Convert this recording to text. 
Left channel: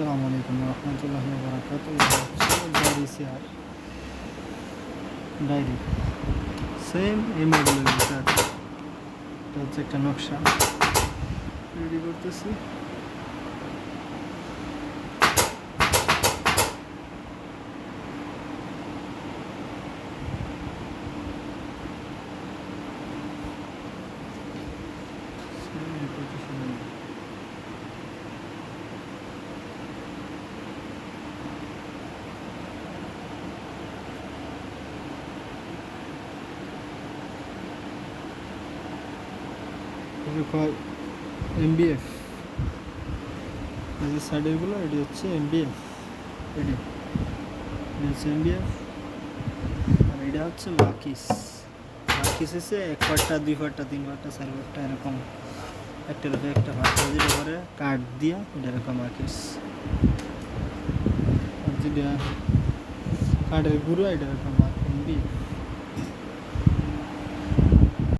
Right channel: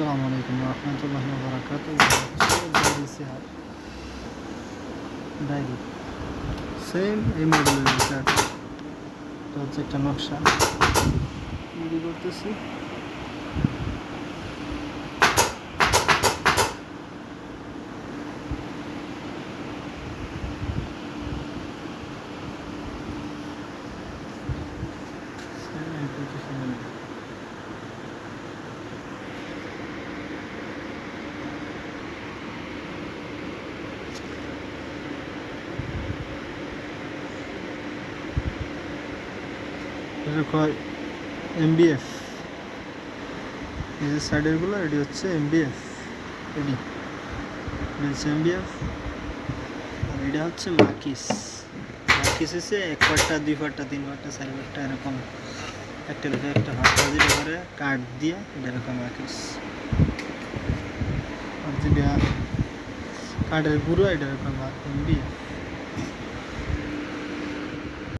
আসসালামু আলাইকুম রহমতুল্লাহি ওয়া বারাকাতুহু। ডায়েরি চেয়ার, ডায়েরি সেম এই মডেলের চেয়ার। এটা হচ্ছে একটা নকশা রেডি করতেছি। এটা কয় এমবিএফ, এই যে সাইডেরগুলো এটি হচ্ছে এমবিএফ, এটি হচ্ছে এমবিএফ। আর এটা হচ্ছে মাকিস। মাকিস হচ্ছে 1 পাট্টা 2 পাট্টা 3 পাট্টা 4 পাট্টা এরকম একটা রেখে একটা পাট্টা যেটা করে কাঠ দিয়ে এটা এরকম মাকিস। আর যেটা কাঠের গুঁড়ো এটা এরকম এমবিএফ।